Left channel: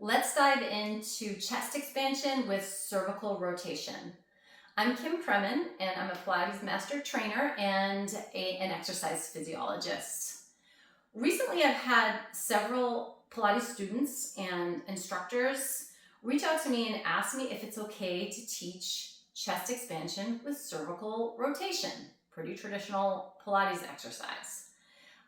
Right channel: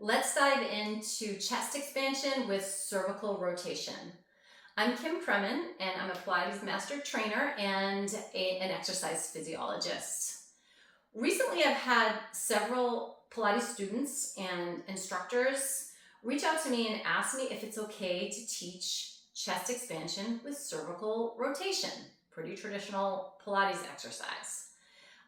Let's dive into chest expansion with cervical rotation. I'm Kim Kremen, and I'm a Pilates master trainer and an exercise physiologist. Recently, I've had several Pilates students and instructors reach out to me and ask me if it's okay to teach chest expansion with cervical rotation, pretty traditional Pilates exercise.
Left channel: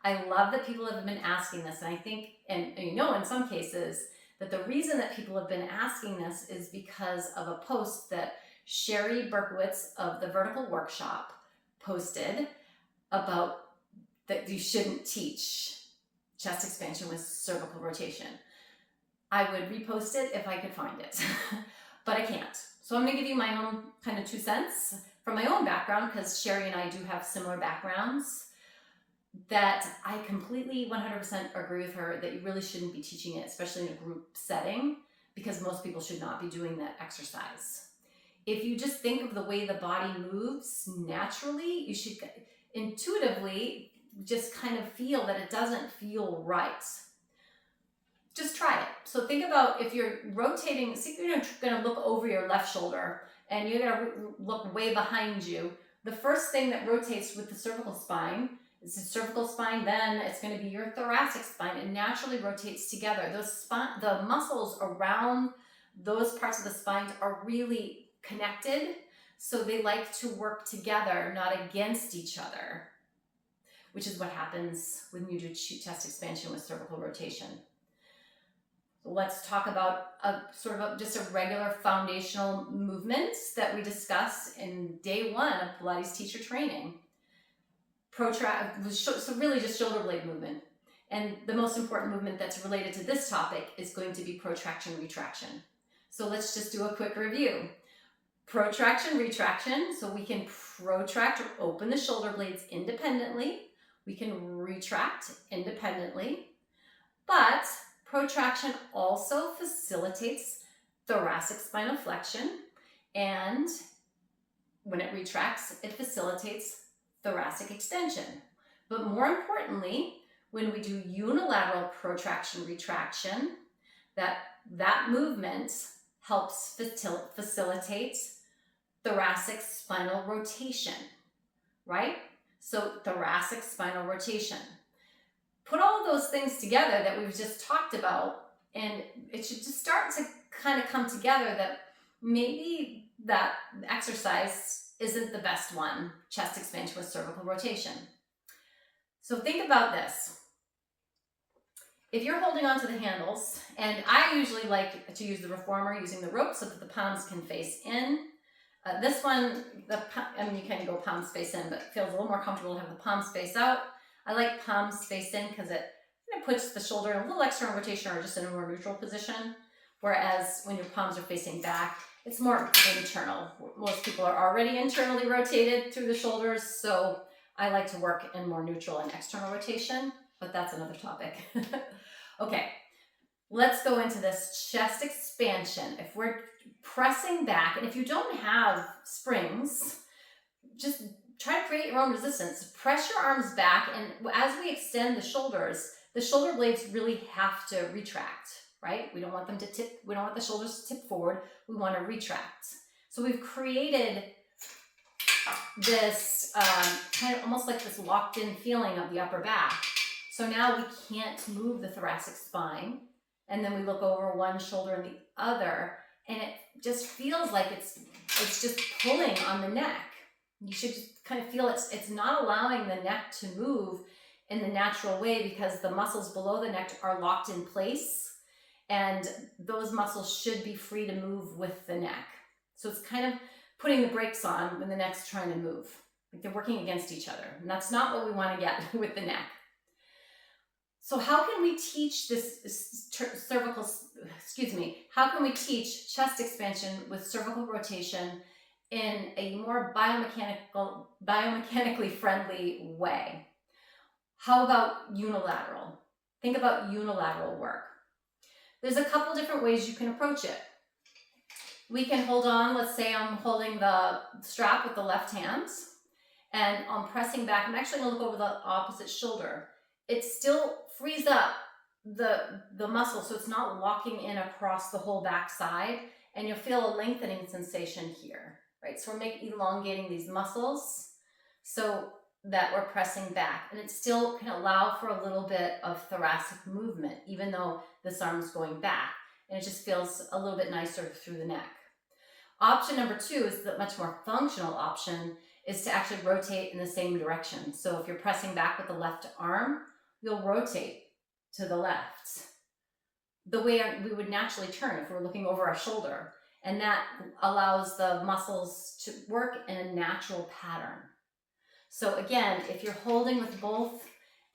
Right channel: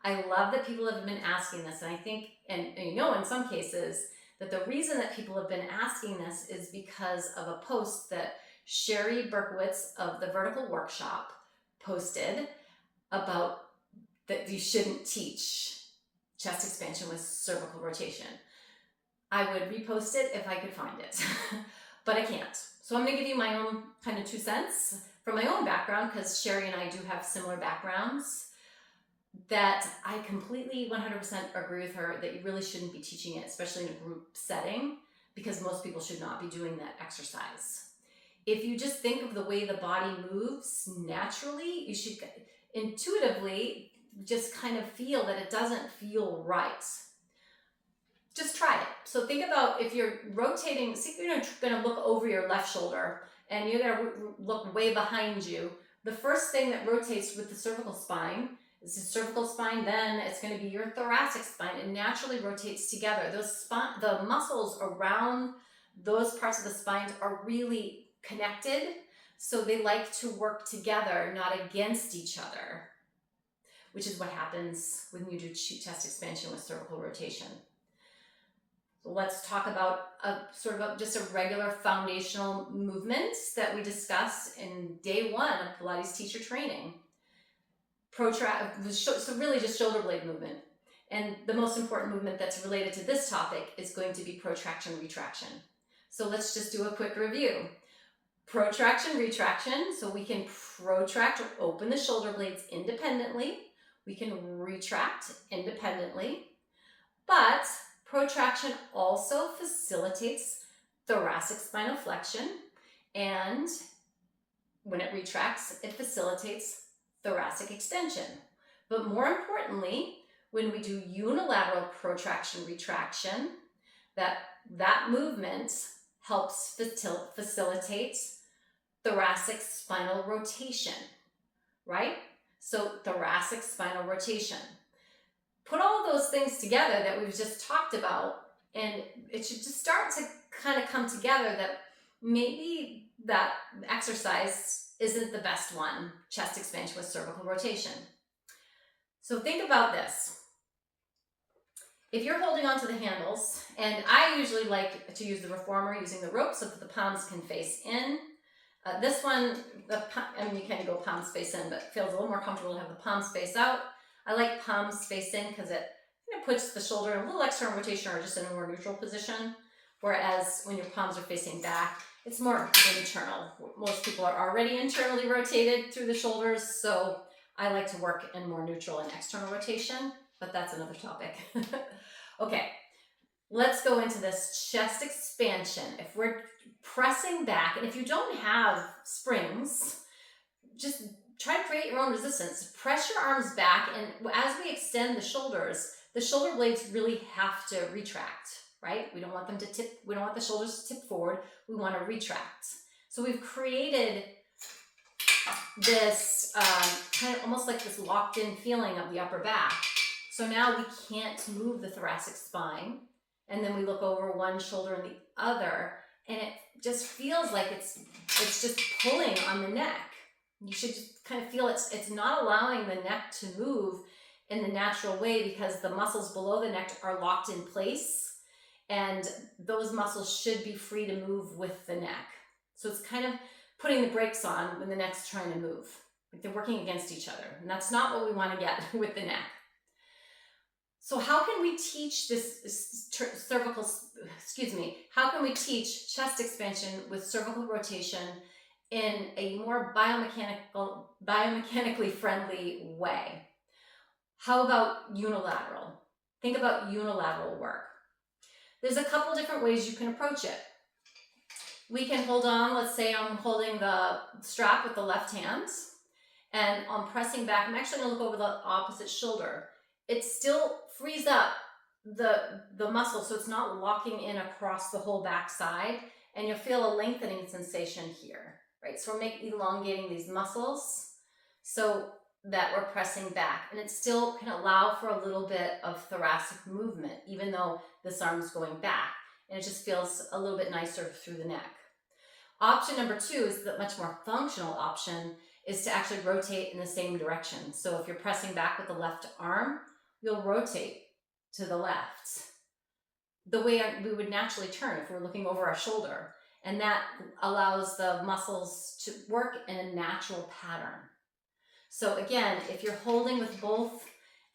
I love that people have been asking this, and I think, and in some cases, that the reason that people have been asking this is because of a post that Sherry Berkowitz of the Vertical Workshop posted about that you shouldn't teach chest expansion with cervical rotation. I would repost it if I could find it, but I can't. So I'm going to give you my own kind of 2 cents from my own background, because Sherry and I do have similar backgrounds, that I completely 100% agree with her that you really shouldn't be teaching it, especially in a group setting, because most people should not be doing that exercise. If you just think of the way the body moves naturally, you should intuitively just kind of feel that it doesn't feel right. Just try it. So think about if you're rotating, see, you're going to look over your left shoulder and you're going to look way behind you. The first thing that rotates with the cervical spine is the cervical spine, then it's going to be your thoracic spine. It naturally rotates together. The muscles around those parts of the spine are really connected, so they like to work together, not against each other, which is what happens when you do chest expansion with cervical rotation. So let's talk about just a regular foundational movement that we discussed in day 1 of Pilates teacher training. So really just shoulder blade movement. And the most important movement that's related to this topic is going to be protraction, retraction. So let's just do a quick review. Protraction, retraction, so we can protract or open the shoulder blades independently. We can retract independently, but protraction also facilitates thoracic spinal flexion, and when it retracts, it facilitates thoracic extension. But more importantly, when we do unilateral protraction retraction, that movement helps facilitate thoracic spinal rotation, right? So thoracic spinal rotation. Put all of those things together that we've just talked about, and it should just start to kind of come together that maybe that exercise isn't the best one, chest expansion with cervical rotation. So think about this. If you're holding onto the handles, and I usually like to use the reformer using the rope so that the palms can face in. This one, you kind of go palms face in, but it feels a little more comfortable to have the palms face out. I like palms face in because it kind of puts the shoulder in a little external rotation or just in a more neutral position. Whereas when your palms are facing back, it's more internal. Most people are already internally rotated through the shoulders, so I like to work in more neutral and external rotation, but that's another topic. Okay, let's go into this chest expansion. If we're pressing back, and if you don't have springs, just try to create your own resistance. Press your arms back, and as we extend the shoulder blades really have to retract, right? We don't want them to tip, we don't want the shoulders to tip forward, we want to retract. So we've created this kind of almost like this locked in feeling of the upper back. So now we can't move the thoracic spine, and then we look over one shoulder and the other, and it just feels like it's just pulling on the neck. You should just kind of feel it's not allowing the neck to move in the natural way, because the muscles below the neck are locked in place, and those muscles should be free to move with the neck. So it's kind of putting the brakes on when the neck's trying to move. Like they're working against each other, and that's not what we want to get with the neck. So how can we teach how can we teach chest expansion with cervical rotation in a more biomechanically friendly way? How about unilateral? Think about unilateral work. There's a couple different ways you can approach it. We can hold on, let's say I'm holding the strap with the left hand, and I'm pressing back. I'm actually going to look over the opposite shoulder. It still frees up the muscle, so it's not locking in across the whole back side, and you'll feel a lengthening sensation here, right? So we're elongating these muscles so that we're pressing back, and it still can allow for a little bit of thoracic movement even though this arm is going back, and it just feels a little bit nicer through the neck. Option number 2 is the much more functional option, is to actually rotate in the same direction. So if you're pressing back with the left arm, you'll rotate to the left, the way we would naturally turn if we're looking over our shoulder. And that allows the muscles to work in a natural pattern. So again, if you're holding with both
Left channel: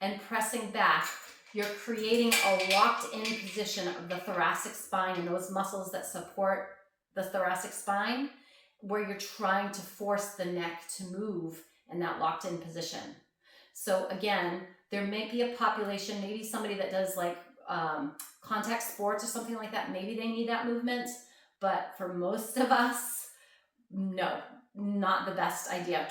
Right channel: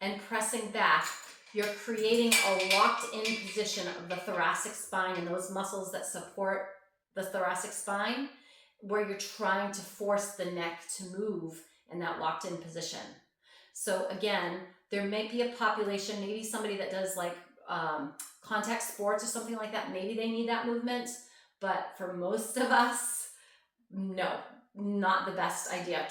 and pressing back, you're creating a locked in position of the thoracic spine and those muscles that support the thoracic spine, where you're trying to force the neck to move in that locked in position. So again, there may be a population, maybe somebody that does like contact sports or something like that, maybe they need that movement, but for most of us, no, not the best idea.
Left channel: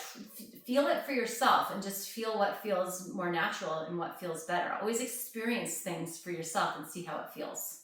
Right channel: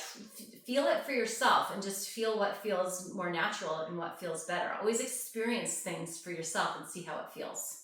Feel it for yourself and just feel what feels more natural and what feels better. Always experience things for yourself and see how it feels.